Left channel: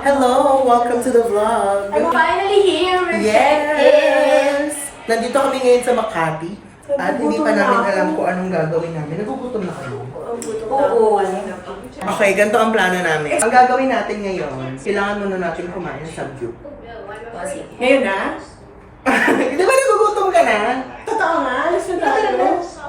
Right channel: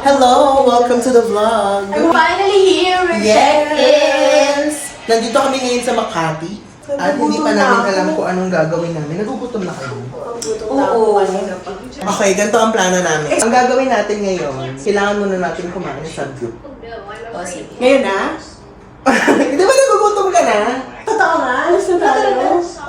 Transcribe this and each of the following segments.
Hello! Welcome to the vlog! I'm finally here with Yes! Nandito kami ngayon sa Makati. At hindi pa namin alam kung anong gagawin namin. Nagugutom na kayo. Oo. Okay, ganito ang plano namin. Ang gagawin natin ngayon, kailangan muna natin kumain sa group. Ngayon na? Di ba nagugutom ka na? Totoo nga? Alas na tayo.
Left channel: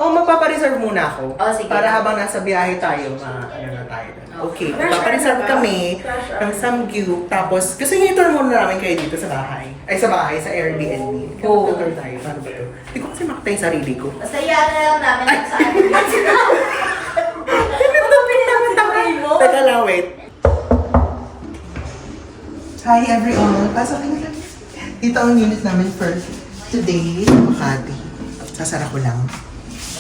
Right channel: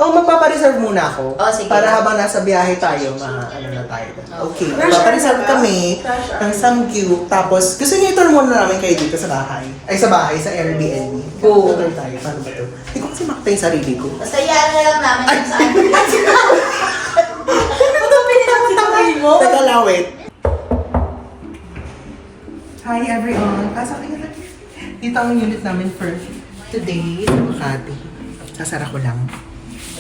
O magpapareserve muna ako. Sige. Para habang nasa biyahe tayo, ano na tayo. Okay, magpapareserve kami ng samgyup. Tapos, gusto niyo i-tour muna namin kayo dito sa bahay. Ay, sa bahay, sa Airbnb. Oo. Tour tayo. Paano ba to? Hindi ko kasi makita yung sarili ko. Basta iyan na lang namin kung saan. Ba't pinatawin mo? Teka lang, wait. Hi everyone! Pasok na lang. Dito ang unit namin for today, Makati. Sasara ko lang.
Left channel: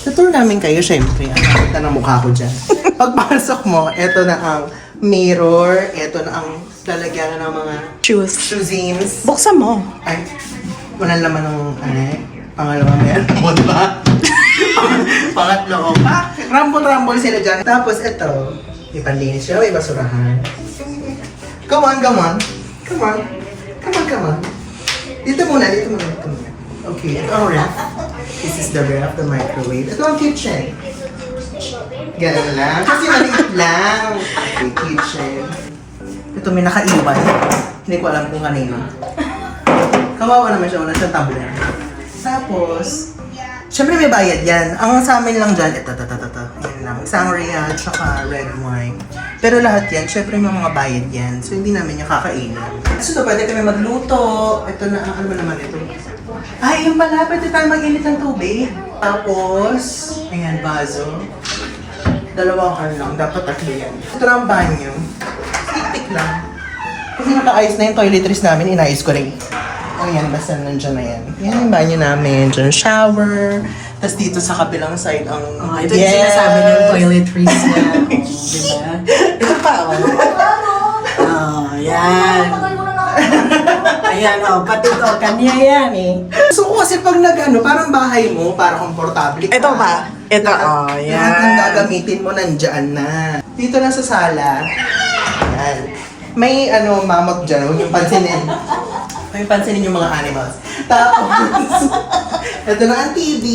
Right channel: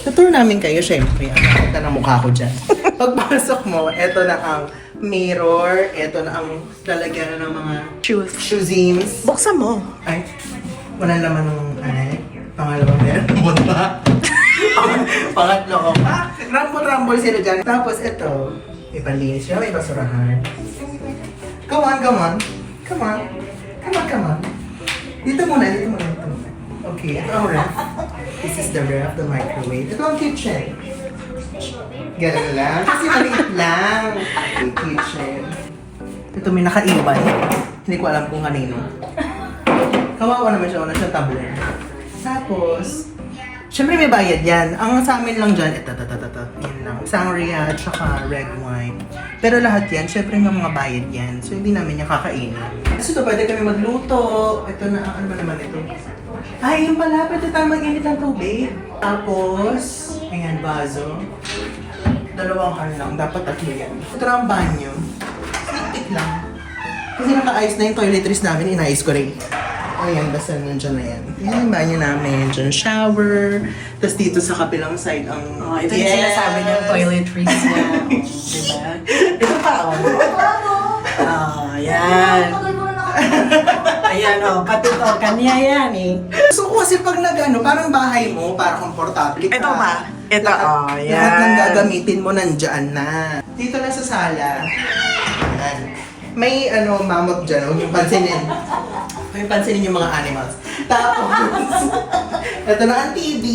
Tutur namin kayo, syempre. Ang ng mukha ko dyan. Pagpasok mo, eto na ang mirror, eto na ang lalagyan ng mga shoesims. Buksan mo. Ay, wala naman ng, pangalawang yan. Diba? Pangatlo ko. Rumble-rumble sila dyan. Tapos eto, may panlinis siya, may basurahan. Come on, come on. Come on. Come on, come on. Dito muna, dito muna, dito muna. Okay, ito ang ref. This is the ref, the microwave. Ito ang kitchen. Ganun lang. Kasi maliit lang. Okay, kitchen. Ito may nakaiwan. Hindi ko alam kung kanino. Kawawa naman siya, wala siyang tumbler. Tapos, syempre may bayad yan. Ang sa amin lang dyan, ito. Yan lang. Sangria, tsaka red wine. Pero lahat yan, syempre may mga bayad yan. So, hindi namin yung kakainin. So, ito, pwede kami magluto. Ito na, ano ba naman ito? Ay, yung pala, pwede tayo mag-init ng tubig. Tapos, ayan, vaso. Dalawang kan lang, dapat at yan. Ito na ang banyo. Tik lang. Kasi naka-ayos na yung toiletries namin, inayos ko rin. Ayan, basta nandiyan na yan. Yan yung banyo namin. Diyan shower. Tapos dito sa kabilang side ang... Ito yung sinasabi niyong toiletries niya. Diba? Ito pa, Yan. Ayan, pati to. Kanya yan eh. So kasi pag parang bahay mo, para komportable ka. Ito ba? Ito, Lahat ng yan. gagamitin mo nandyan na. Dito na sa sala. Ayan. May mamag dyan, huwag yung pansinin. Huwag yung pansinin yung mga animals. Tapos, ito na ang TV.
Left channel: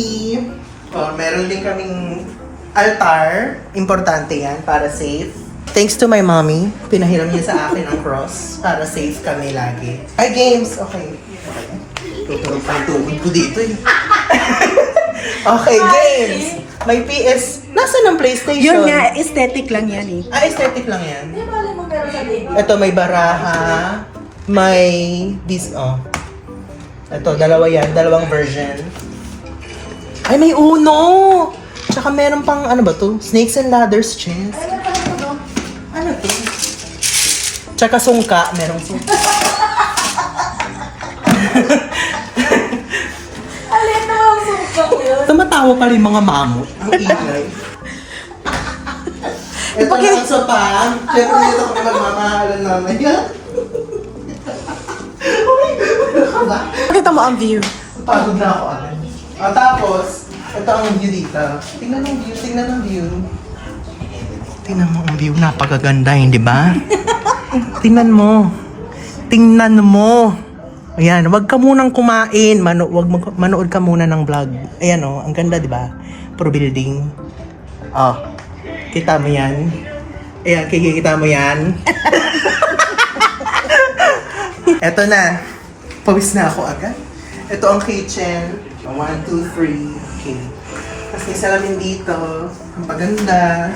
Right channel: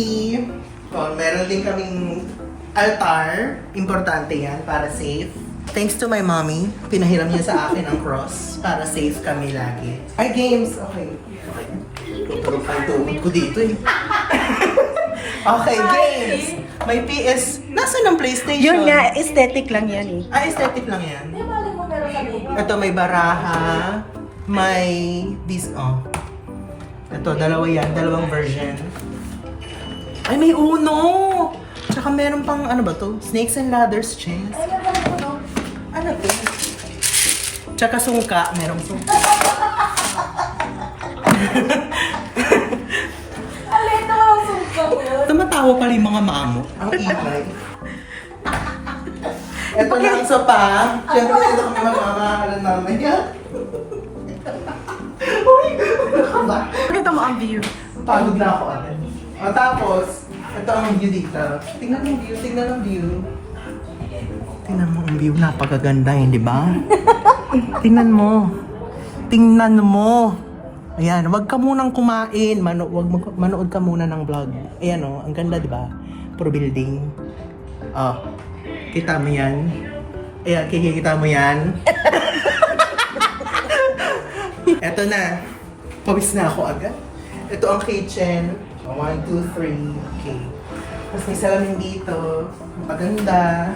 Meron din kaming altar. Importante yan para safe. Thanks to my mommy, pinahiram niya sa akin ang cross para safe kami lagi. Ay, games! Okay. Tutulog pa yung tuhod ko dito eh. Okay, games! May PS. Nasaan ang PlayStation? Yun nga, aesthetic lang yan eh. Aesthetic lang yan. Ito may baraha. May Ito, dalawa yan. Dalawang version. Ay, may Uno! Tsaka meron pang, ano ba to? Snakes and Ladders chess. Ano to? Tsaka sungka. Merong sungka. Tumatawa pa rin mga mamot. Ang ingay. Ito na ang sopa. Siyempre dito kami magmamahalan namin. Pakita mo ang view. Pagod na ako agad. Tapos, ito ang view dito. Tingnan ang view, tingnan ang view. Tingnan mo ang view, napakaganda, hindi ba? Tingnan mo. Tingnan mo. Ayan, wag ka munang kumain. Manood ka muna ng vlog. Ayan ang ganda, di ba? Pro building. Kita mo yan? Ayan, kikita mo yan? Eto na. Pawis na ako agad. Ito ang kitchen. 1, 2, 3. Okay. Tapos may salamin dito. Ang paganda.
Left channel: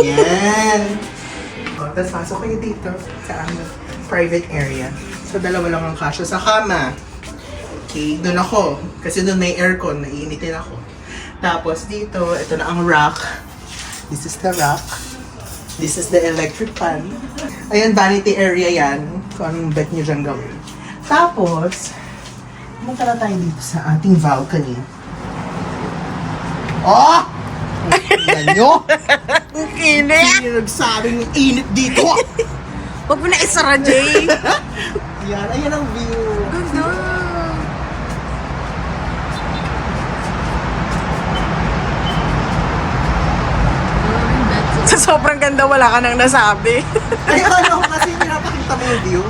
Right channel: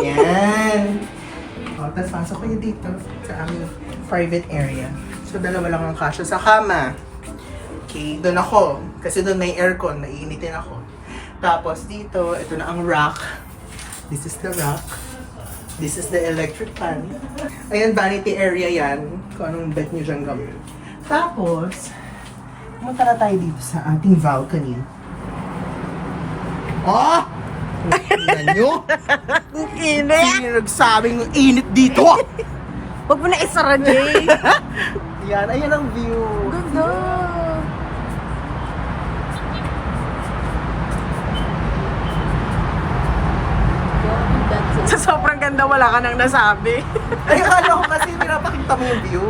Yan. Tapos pasok kayo dito sa aming private area. So, dalawa lang ang kasya sa kama. Okay, doon ako. Kasi doon may aircon, maiinitin ako. Tapos dito, ito na ang rack. This is the rack. This is the electric fan. Ayan, vanity area yan. Kung anong bet nyo dyan gawin. Tapos, punta na tayo dito sa ating balcony. Tingnan nyo? Ang init! Hindi nagsabing init dito. Huwag mo na isara, Jay. Yan, ayan ang view. Ganda. Going back to Sa sobrang ganda, wala ka nang nasabi. Ay, ano ko kasi pinapakita ko yung view.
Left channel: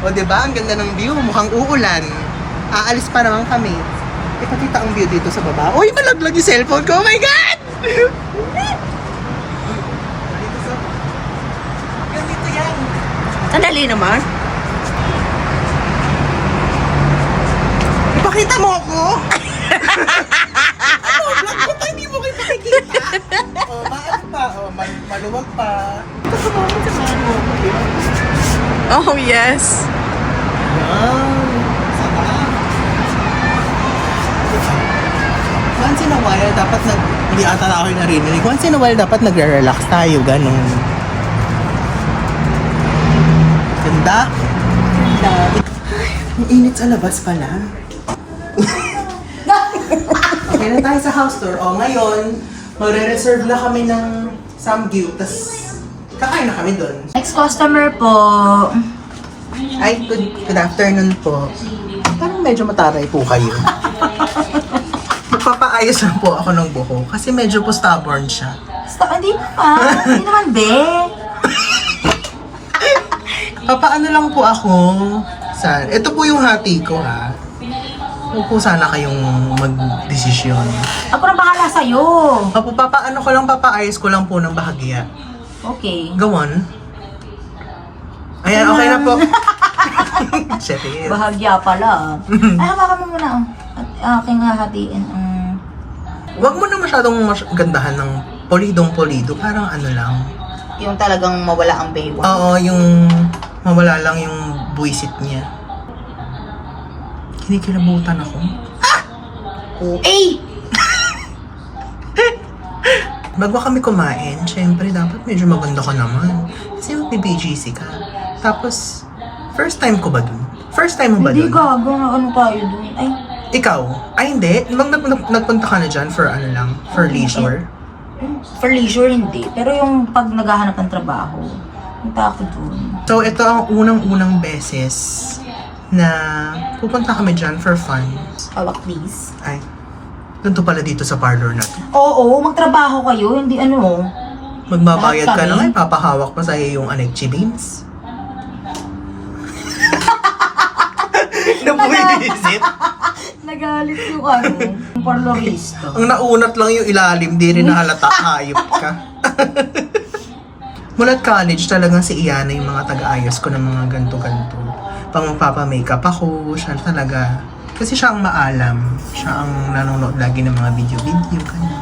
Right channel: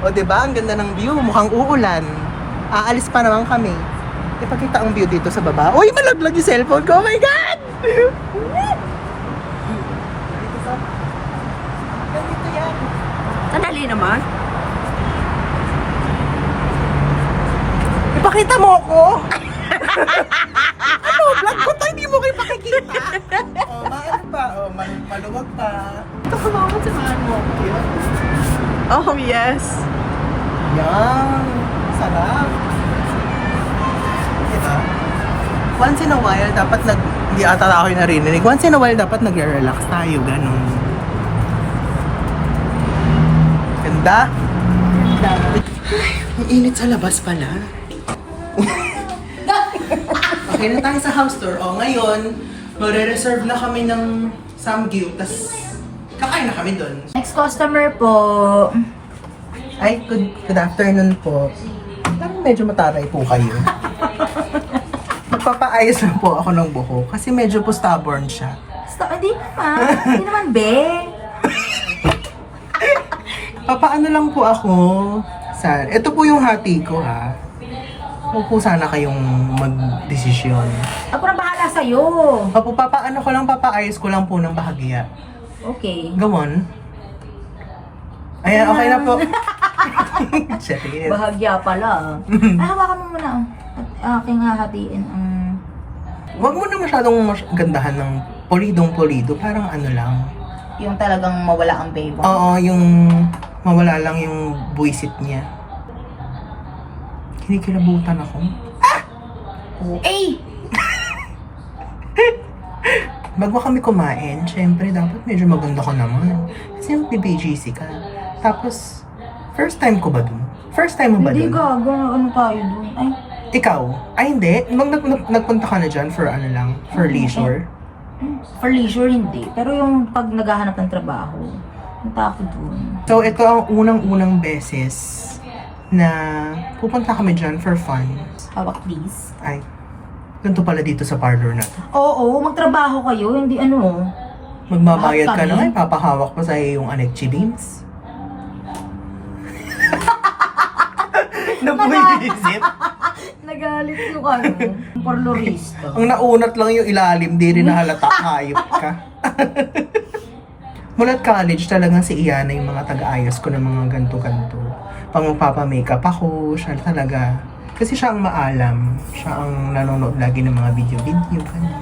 O, diba? Ang ganda ng view. Mukhang uulan. Aalis pa naman kami. Ipakita kong view dito sa baba. Uy, nalaglag yung cellphone ko. Oh my God! Ganito yan. Sandali naman. Ipakita mo ako! Ano, vlog ko pa, hindi mo kayo makikita. Maano pa, maluwag pa. Ito samahan mo ako. Oh, yes. Yan. Sarap. Diba? Once in a while, dapat hindi ata na ako yung narinig. Once in a while, dapat nagre-relax tayo, ganun. Ganda. Ganda. Ang init sa labas pala. Okay na tayo sa house tour. O, ngayon, magre-reserve na kami ng samgyup, tas kakain na kami doon. Next customer po. Ay, good afternoon po. Parang medyo mataray po kayo. Magpapaayos lang po ako ng buhok kasi medyo po stubborn siya. Hindi naman. Hindi naman, be. Papaano lang po ako sa... Ito po yung hati ko, ha. Huwag po sana kayong mag-desisyon. Ako na bahala sa'yo. Opo, papaano ko lang, papaayos ko lang po ng bahagya. Okay. Go on. Ayan, okay na po. Shit. Bahagya pala. Ay, hawakan mo muna. At aking hahatiin ang... Huwag mo na masyadong gandahan ng polidong-polido. Parang ano lang. Yung talagang mawala ang baby. Oo, yung mawala lang yung buwisit niya. Kinikilabutan ako. Eh! Bago kami kumain, syempre dapat medyo maganda ka naman. Kasi mag-BGC ka. Tapos, first time ko ba dun? First time mo ba Hindi dun? gago na ano tayo dun. Ay, Ikaw? Ay hindi. Nagpunta ka na dyan for ano lang? For leisure? for leisure hindi. Pero yung pag naghahanap ng trabaho, punta ako dun. So, ito ang unang-unang beses na pupunta kami dyan for fun. Hawak please. Ay, ganito pala dito sa parlor na to. Oo, magtrabaho kayo, hindi ano. Magbabayad Lahat ka kami? na ay papahawak pa sa'yo yung anekchi beans. Napuisit. Nagalit yung ano, yung parlorista. Ang naunat lang yung ilalim, di rin nahalata, hayop ka. Mulat college talagang si Iana yung mga taga-ayos ko ng mga ganto-ganto. Pang magpapa-makeup ako, siya talaga. Kasi siya ang maalam. Siya ang nanonood lagi ng mga video-video, ganyan.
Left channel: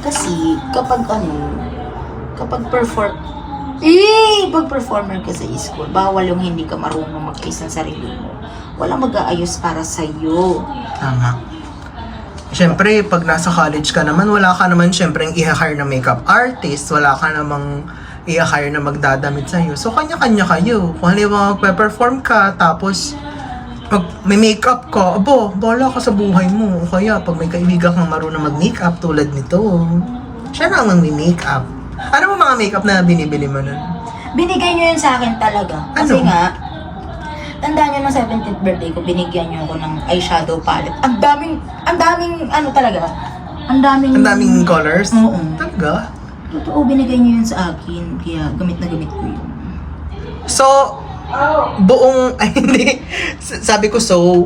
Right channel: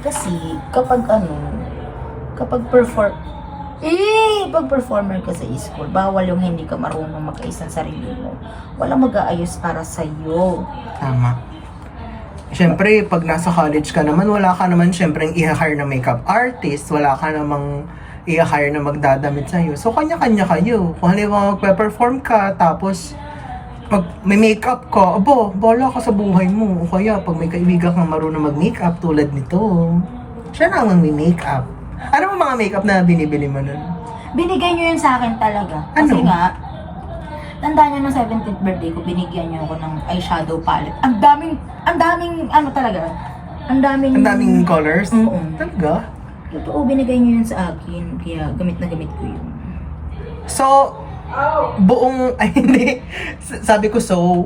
Kasi kapag pag performer ka sa school, bawal yung hindi ka marunong mag-ayos ng sarili mo. Wala mag-aayos para sa'yo. Tama. Siyempre, pag nasa college ka naman, wala ka naman siyempre i-hire na makeup artist, wala ka namang i-hire na magdadamit sa'yo. So, kanya-kanya kayo. Kung halimbawa magpe-perform ka, tapos may makeup ka, abo, bahala ka sa buhay mo. O kaya, pag may kaibigan kang marunong mag-makeup tulad nito, siya na ang may-makeup. Ano mo mga makeup na binibili mo nun? Binigay nyo yun sa akin talaga. Kasi Ano? nga, tandaan nyo ng 17th birthday ko, binigyan nyo ako ng eyeshadow palette. Ang daming ano talaga, ang daming Colors? Oo. Talaga? Totoo, binigay nyo yun sa akin. Kaya gamit na gamit ko yun. So, buong, ay hindi, sabi ko so,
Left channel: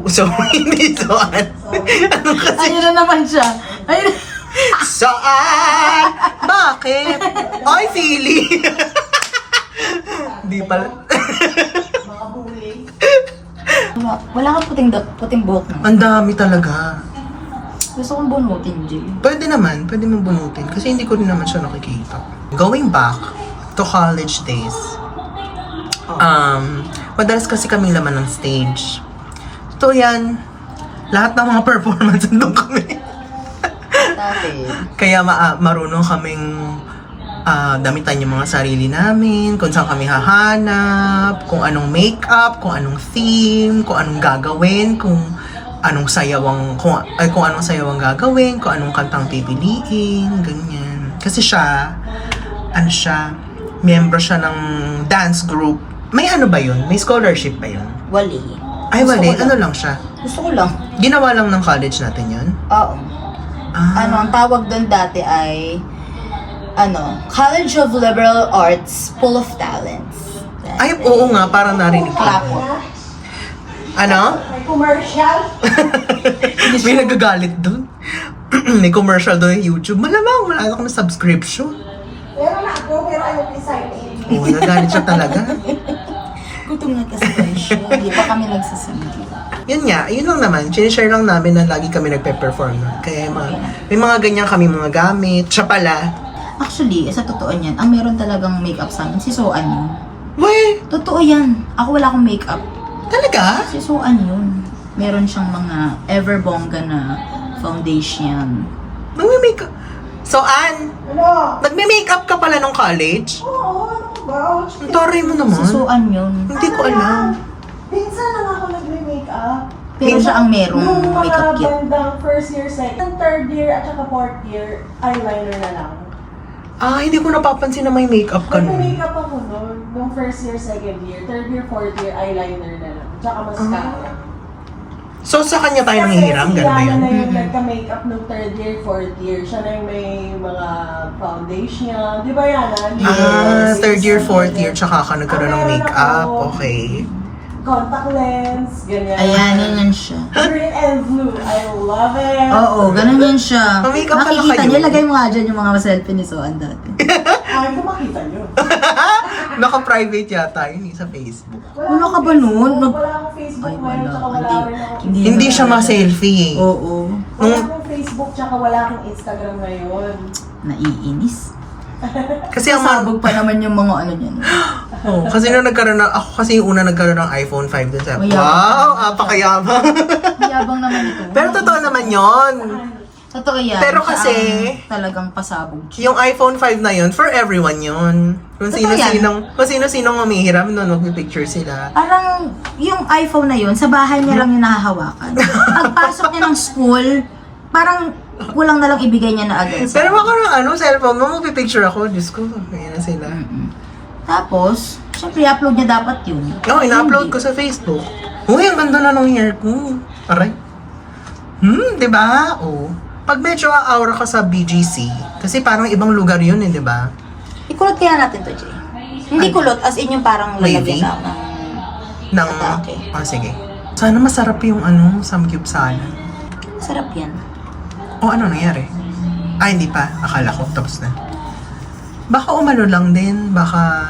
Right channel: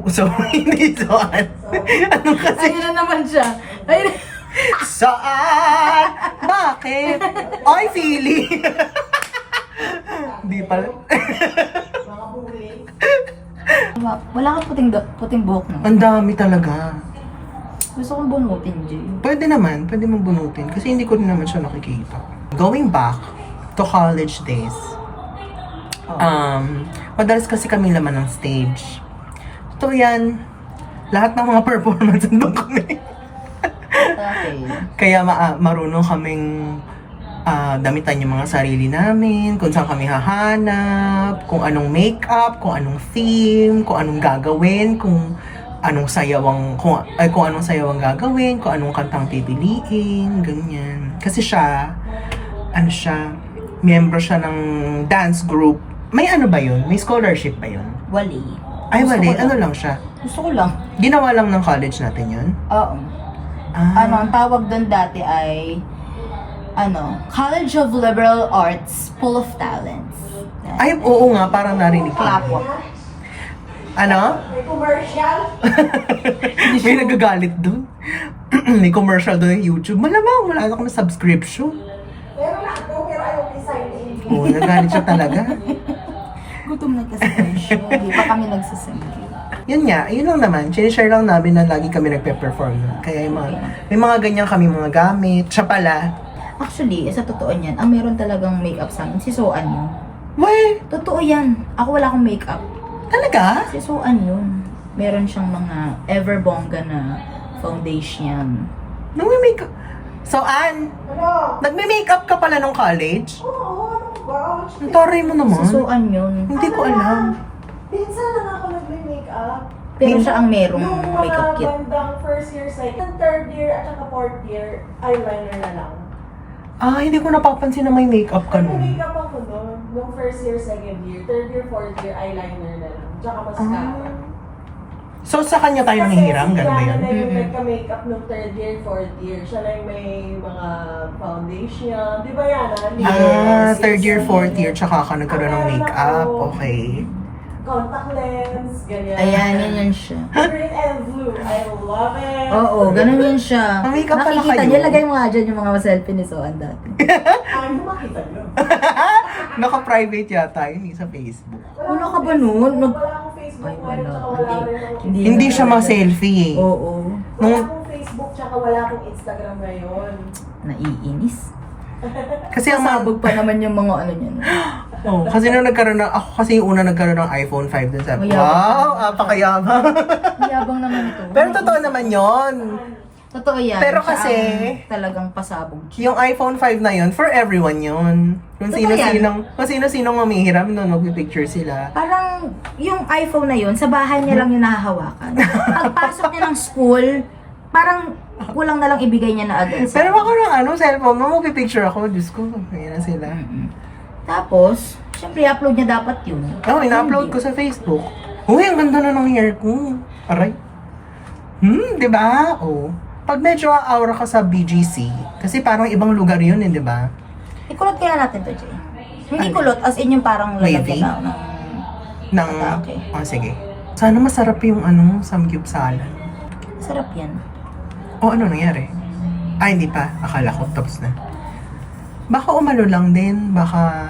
hindi so, ano kasi? Ayun na naman siya. Ayun. Saan? Bakit? Ay, Philly! Di pala. Wala kang puting buhok na. Ang dami talaga. Gusto kong bunutin, Jay. Pwede mo bunutin kasi hindi ko rin naman siya nakikita. Going back to college days, madalas kasi kaming laman ng stage. So yan, lahat ng mga performance nandun kami. Kaya marunong kaming damitan yung mga sarili namin, kung saan kami hahanap, kung anong makeup, kung anong theme, kung anong gagawin, kung anong sayaw ang gagawin, kung anong kantang pipiliin, ganyan. Kasi siya, member siya ng dance group. May ano ba yun? May scholarship ba yun? Wali. Ay, Gusto wali. ko lang. Ano lang siya? Gusto ko lang. Ginawa lang ng college natin yun? Oo. Ah. Ano, ang tawag doon dati ay College of Liberal Arts, full of talents. Ay, oo nga, parang narinig ko. Clap po. Ano? May nagagalit doon. May commercial doon yung YouTube. Malamang, wala na kami subscription. Pero ayaw i-sign-in. Oo, nagalit siya talaga. Gutom na kasi siya. Hindi pa kami nagsasindi. Yun nga, yun lang naman. Sinishare lang namin na lagi kami nagpe-perform nun. Kaya yung mga, may mga ganyan kami mga gamit. Siya pala. Actually, sa totoo niyan, ang meron talagang makeup sa amin, si Soan yun. Why? Totoo yan. Ako wala akong makeup. Talaga? Si Soan yun. Meron siyang mga everbongga na foundation. Nagme-makeup. So, Ann, Ano? nagme-makeup ka pala nung college? Oo, wow. Ang tory mo naman. Si Soan yun. Hindi ko alam. Minsan lang ako nagme-makeup. Pero siya ang merong Nung makeup kit. bandang first year, second, third year, at saka fourth year, eyeliner na lang. Ah, hindi ko napapansin na may makeup ka nun. Nag-makeup ako noon. Nung first year, second year, third year, fourth year, eyeliner na lang. Tsaka mascara. So, sa kanya tayo nanghihiram? Ganun ba yun? Kasi si Yana na yung nagka-makeup nung third year, fourth year. Siya na yung may mga foundation. Di ba Yana? Ah, third year, fourth year, tsaka ka nagkaroon ng makeup. Okay. Contact lens, ganyan. Ayan, yan siya. Green and blue. I love it. Oo, ganun yan siya. May-makeup pala Makikita kayo. niyo, lagay mo nga dyan yung mga selfie ni Soan dati. Ay, mo makita nyo. Naka-private yata yun sa Facebook. Wala ka ba nun? Wala akong Facebook Ay, ngayon, wala. tsaka wala rin akong Hindi siya ma-selfie eh. Oo. Wala akong Facebook, tsaka wala akong Instagram ngayon. Naiinis. Kasi ang mga... Sabog pa naman yung mga ano niyan. Oh, kasi nung nagkaroon ng... Ako kasi yung una nagkaroon ng iPhone 5 dun sa... Mayabang. Wow, apakayabang. Yabang naman ito. Pero totoo naman yon. Totoo yan. Pero Siya kasi- ang talagang pasabog. Yung iPhone 5 na yun, for everyone yun. Kung Totoo sino-sinong mamihiram nun, magpipicture sila. Parang yung iPhone na yun, sa bahay niya lang yung nahahawakan. Pagpasok niya ng school, parang kulang na lang ibigay niya na agad. Pero ako ng cellphone mo, magpipicture ako. Diyos ko, kaya na sila. Tapos, syempre i-upload niya dapat yun. Oo, ina-upload ko sa Facebook. Uy, ang ganda na ng hair ko. Aray. Di ba? Oo. Pag medyo aura ka sa BGC, kasi parang ibang lugar yun di ba? Ikulot kaya natin to, Jay. Hindi Ay. kulot, as in yung parang Wavy? lalagyan na ng... Nang, Okay. sige. Sana masarap yung samgyup salad. Sarap yan. O ano nangyari? Ay, hindi pa. Akala ko tapos na. Baka umano lang din, baka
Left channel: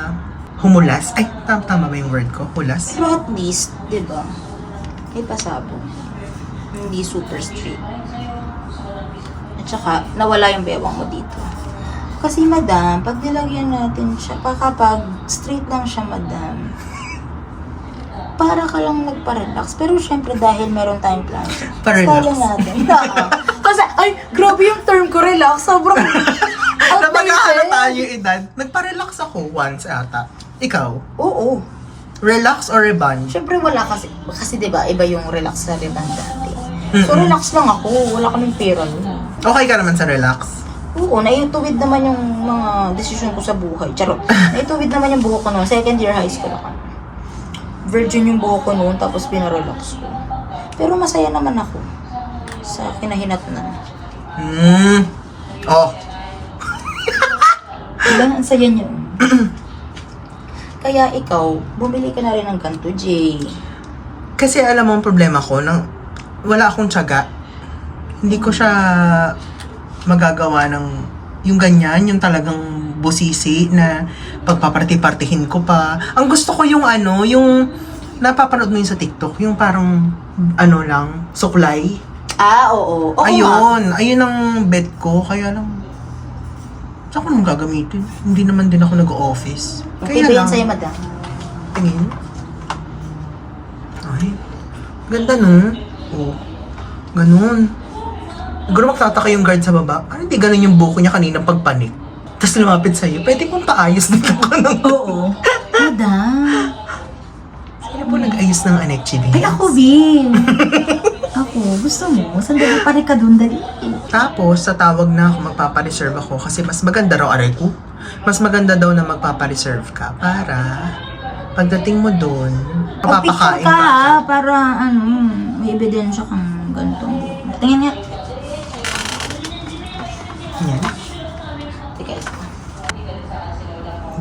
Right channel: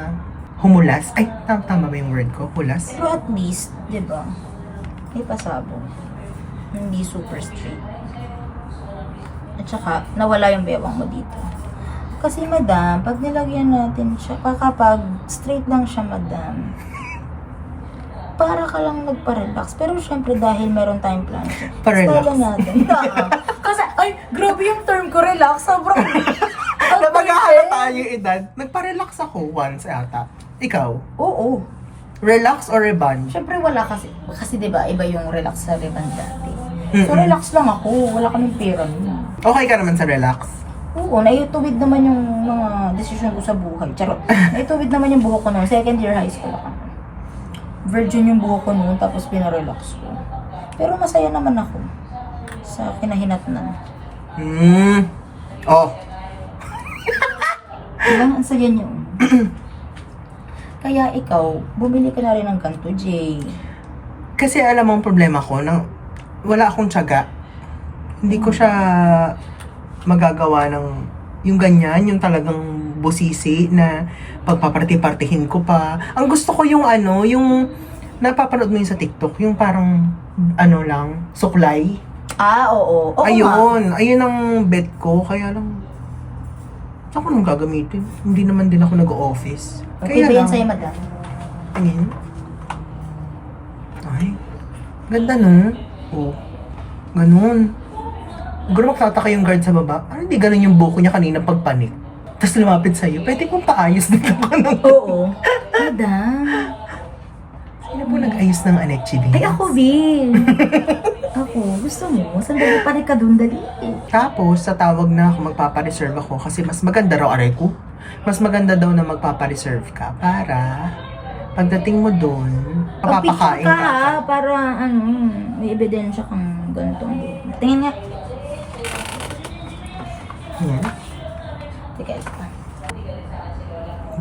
humulas. Ay, tama ba yung word ko? Hulas? Pero at least, di ba? May pasabog. Hindi super straight. At saka, nawala yung bewang mo dito. Kasi madam, pag nilagyan natin siya, kapag straight lang siya madam, para ka lang nagpa-relax. Pero syempre dahil meron tayong plan, Pa-relax. style natin. Kasi, ay, grabe yung term ko, relax. Sobrang Sa pag-aalata yung edad, nagpa-relax ako once ata. Ikaw? Oo. Relax or revenge? Syempre wala kasi 'di ba iba yung relax sa rebound dati. So relax lang ako, wala kaming pera nun. Okay ka naman sa relax? Oo, naituwid naman yung mga desisyon ko sa buhay. Charot. Naituwid naman yung buhok ko noon, second year high school ako. Virgin yung buhok ko noon, tapos pinarelax ko. Pero masaya naman ako sa kinahinatnan. Oh. Diba? Ang saya niyo. Kaya ikaw, bumili ka na rin ng ganito, Jay. Kasi alam mo ang problema ko, wala akong tiyaga. Hindi ko siya magagawa ng yung ganyan, yung talagang busisi na pagpaparti-partihin ko pa. Ang gusto ko yung yung napapanood mo yun sa TikTok, yung parang lang, suklay. Ah, oo. Oo nga. Ayun ang bet ko, kaya lang saan ko naman gagamitin? Hindi naman din ako nag-office. Okay ba yan sa'yo, madam? Tingin. Ay, ganda no? Oh, ganun. Siguro magtataka yung guard sa baba. Ano, hindi ganun yung buko niya kanina pagpanik. Tapos lumapit sa'yo. Pwede kong paayos dito ka ng... Oo. Madam. Sino po nag-ayos ng anekchi din? Ay, ako, Vin. Ako, gusto mo? Sandali pa rin ka dun, dali. Tapos, sa tawag na ako, magpapareserve ako kasi mas maganda raw, aray ko. Mas maganda daw na magpapareserve ka para pagdating mo doon, Picture mapapakain ka, ka. ha, para may ebidensya kang ganitong buhok mo. Tingin nga. Yan. Teka, ito.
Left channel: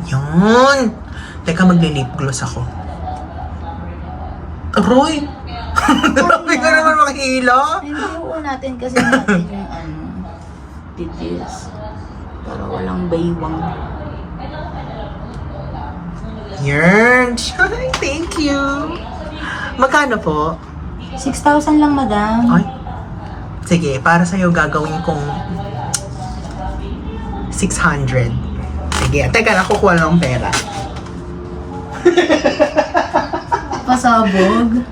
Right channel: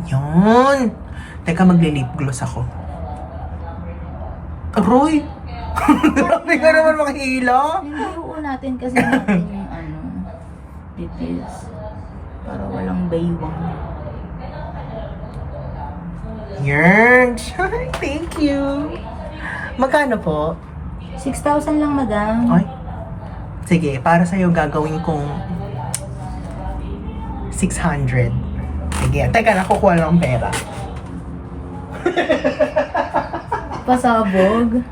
Yun. Teka, magli-lip gloss ako. Aroy! Grabe ka naman makihila. Hindi, natin kasi natin yung details. Para walang baywang. Yan. Ay, thank you. Magkano po? 6,000 lang, madam. Ay. Sige, para sa'yo gagawin kong 600. Sige, teka, nakukuha lang ng pera. Pasabog.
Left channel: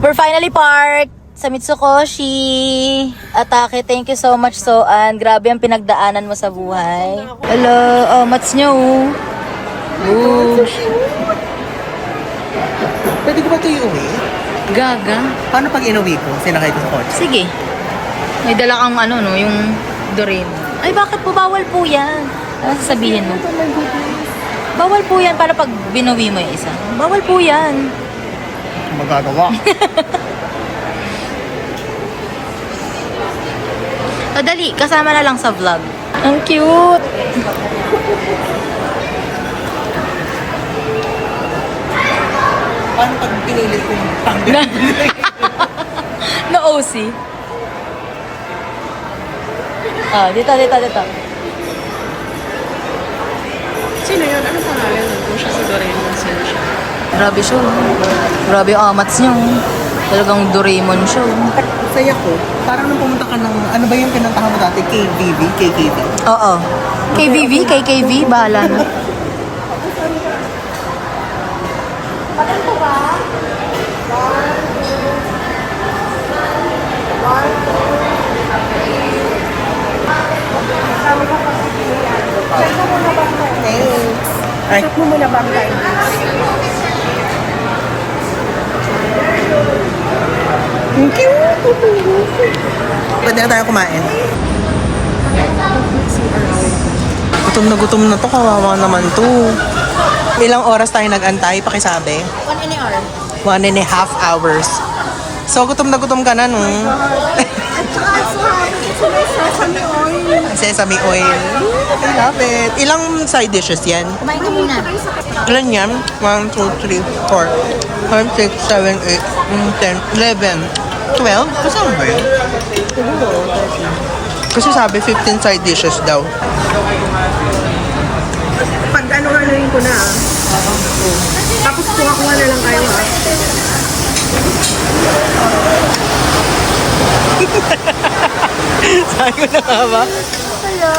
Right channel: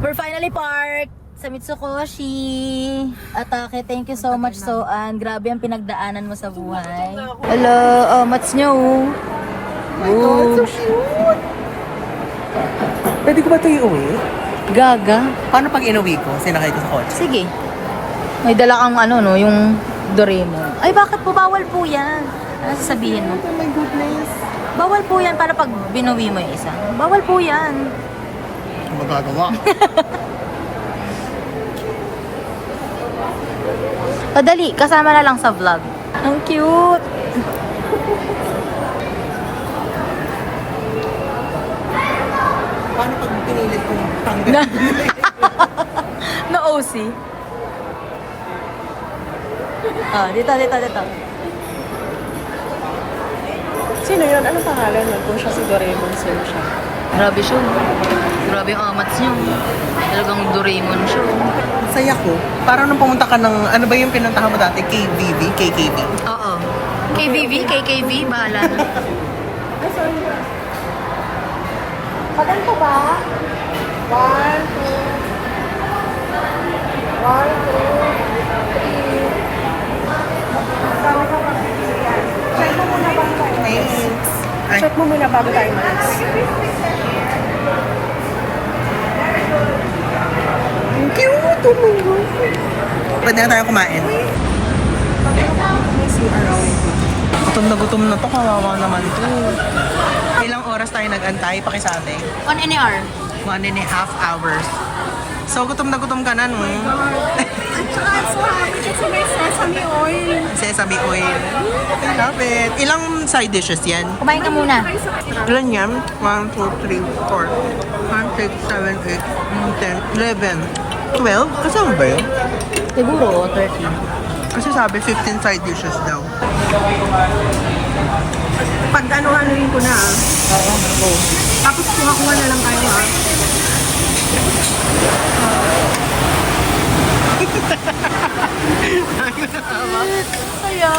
We're finally parked sa Mitsukoshi. Atake, thank you so much, Soan. Grabe ang pinagdaanan mo sa buhay. Hello, mats nyo. Ooh. Pwede ko ba ito iuwi? Gaga. Paano pag inuwi ko? Sinakay ko sa kotse. Sige. May dala kang yung Doraemon. Ay, bakit po? Bawal po yan. Ano sasabihin mo? Oh my goodness. Bawal po yan para pag binuwi mo yung isa. Bawal po yan. Magagawa. O dali, kasama na lang sa vlog. Ang cute! Paano pag pinilit kong tanggal? Na OC. Dito. Sino yun? Anong pangalan nun? Kung siya si Doraemon, sino siya? Grabe show. Grabe yung amats niyo. Talagang Doraemon show. Saya ko. Parang nung pumunta ka ng, ano ba yung pinuntahan mo dati? KKV? Oo. KKV, bahala na. Check mo muna bago tayo. Thank you! Pwede na tayo kumain. Gutom na to. Kawawa naman to. Ilang oras tayo nag-antay? Pakisabi. 1 hour. 1.5 hours. So, gutom ka na, no? At saka so happy kasi may sesame oil. Sesame oil. I love it. Ilang side dishes yan? Kumain ka muna. Ilan yan? 1, 2, 3, 4, 5, 6, 7, 8, 10, 11, 12? Kasama ba yun? Kasi sabi 15 side dishes daw. Pag ano-anoin ko na. Tapos kuha-kuha na lang tayo ha. Sabi ko na nga ba? Kaya...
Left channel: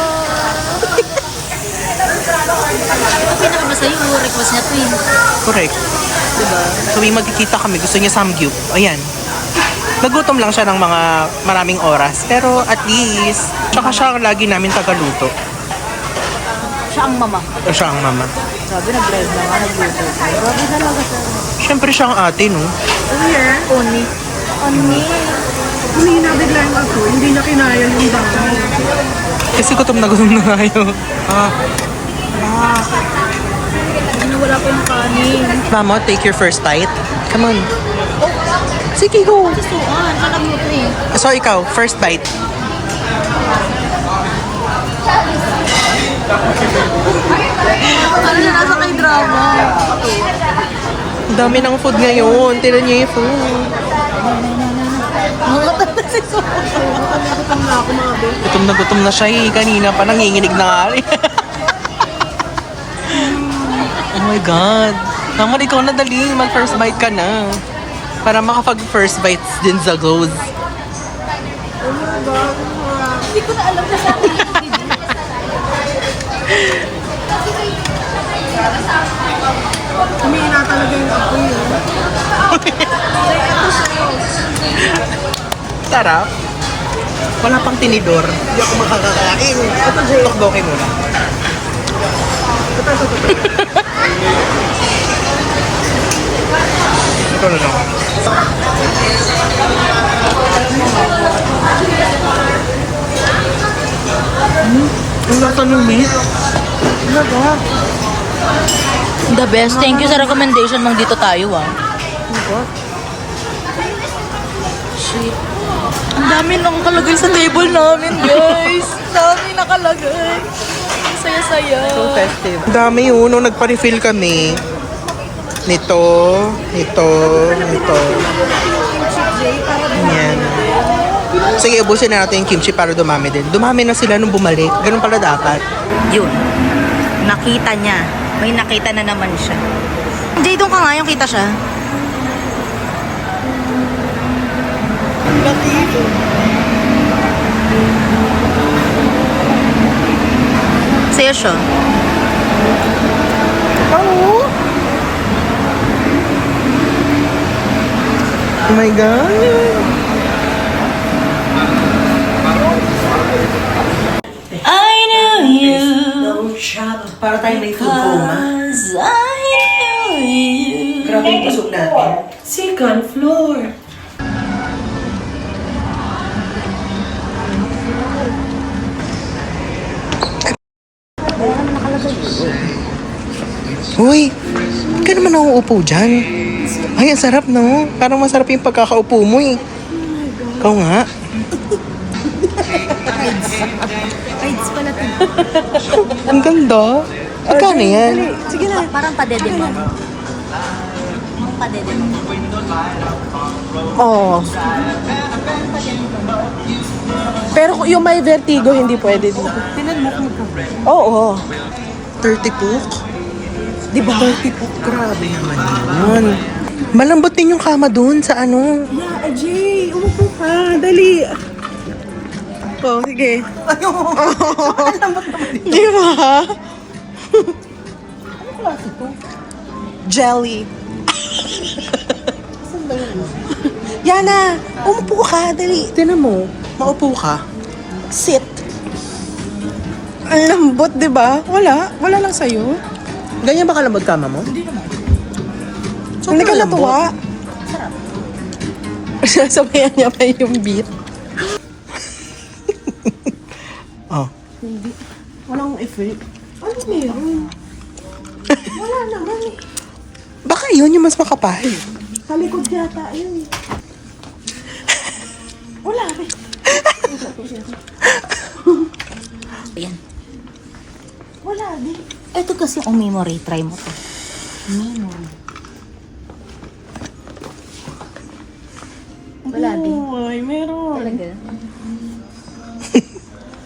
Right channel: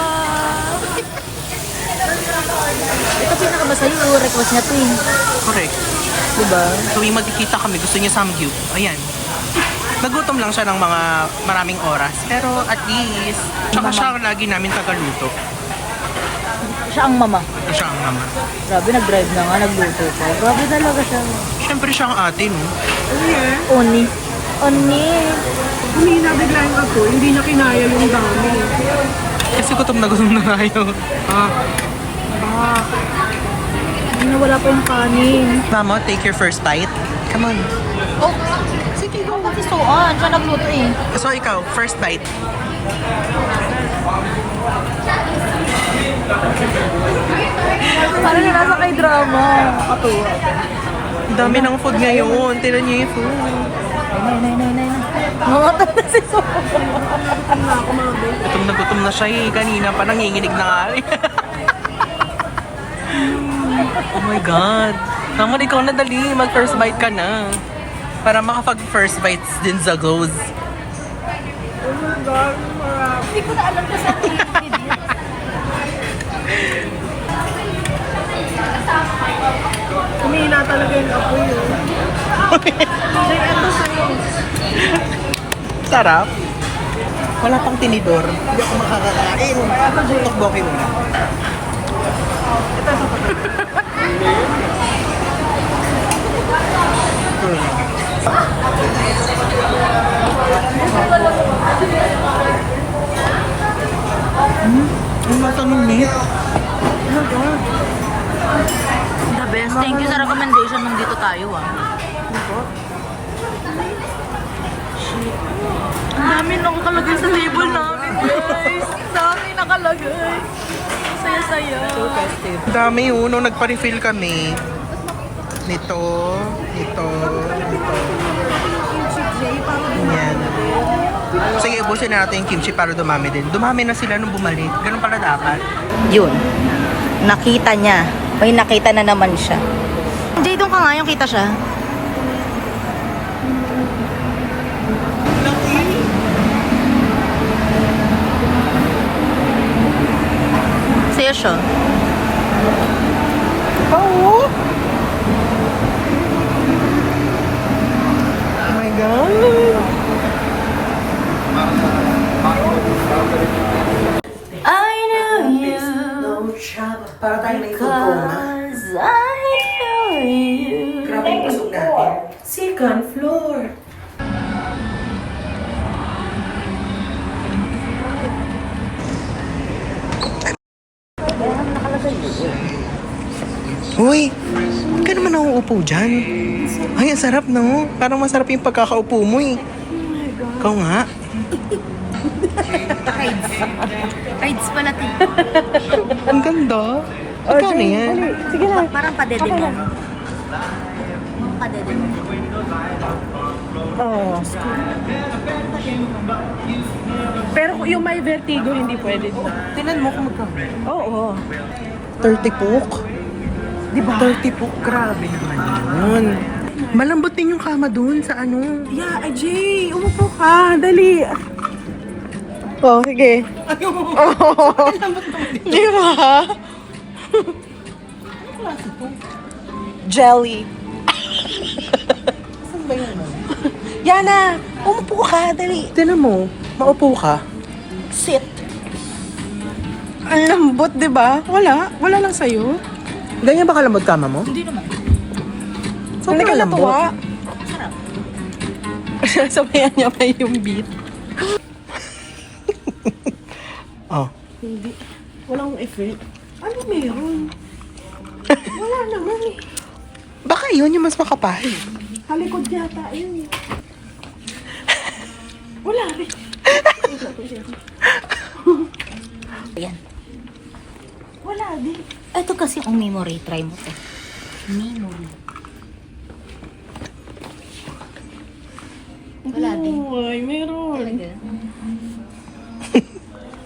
Okay na ba sa'yo? Ang request niya to eh. Correct. Diba? Tuwing magkikita kami, gusto niya samgyup. Ayan. Nagutom lang siya ng mga maraming oras. Pero at least, tsaka siya lagi namin tagaluto. Siya ang mama. O siya ang mama. Sabi, nag-drive na nga, nagluto. Grabe talaga siya. Siyempre siya ang ate, no? Yeah. Uni. Humina bigla yung ako. Hindi na kinaya yung dami. Kasi gutom na tayo. Hindi na wala po ng kanin. Mama, take your first bite. Come on. Oh, Sige, go. kasi Soan. Siya nagluto eh. So, ikaw, first bite. Ano na nasa kay drama? Ang dami ng food ngayon. Tira niyo yung food. Ngutot na si Soan. Gutom na ako mga babe. Gutom na siya eh. Kanina pa nanginginig na nga rin. Oh my God. Naman, ikaw na dali. Mag-first bite ka na. Para makapag-first bites din sa goes. Hindi ko na alam siya sa akin. Humina talaga yung ako yun. Sarap. Wala pang tinidor. Hindi ako makakakain. Ito yung lokboki muna. Ito na lang. Ang lasa ng meat. The best. Thank you sa recommendation mong dito tayo Shit. Ang dami nang nakalagay sa table namin, guys. Ang dami nakalagay. saya-saya. Ang dami yun, nung nagpa-refill kami. Nito. Yan. Sige, ubusin na natin yung kimchi para dumami din. Dumami na sila nung bumalik. Ganun pala dapat. Yun. Nakita niya. May nakita na naman siya. Jay, doon ka nga yung kita siya. Sa'yo siya. Oh! Oh my God! I knew you Para tayo may food coma. cause I knew you. Grabe yung pasok natin. Second floor. Uy, hindi ka naman nauupo dyan. Ay, ang sarap, no? Parang masarap yung pagkakaupo mo, eh. Ikaw nga. Rides pala to. Ang ganda. Magkano yan? Sige na. Parang padede mo. Parang padede mo. Oo. Pero yung may vertigo, hindi pwede din. Tinan mo kung magkano. Oo. 30 puk. Diba? 30 puk, grabe naman. Malambot din yung kama dun sa ano. Yeah, Jay, umupo ka. Dali. Oh, sige. Di ba? Ano klase to? Jelly. Saan ba yun? Yana, umupo ka. Dali. Tinan mo, maupo ka. Sit. Ang lambot, di ba? Wala. Wala lang sa'yo. Ganyan ba kalambot kama mo? Hindi naman. Hindi ka natuwa. Sarap. Sasabayan niya pa yung beat. Oh. Hindi. Walang effect. Ano meron? Wala naman eh. Baka yun yung mas makapal. Talikod yata yun eh. Wala rin. Yan. Wala din. Ito kasi ang memory. Try mo to. Memory. Wala din. Ay, meron.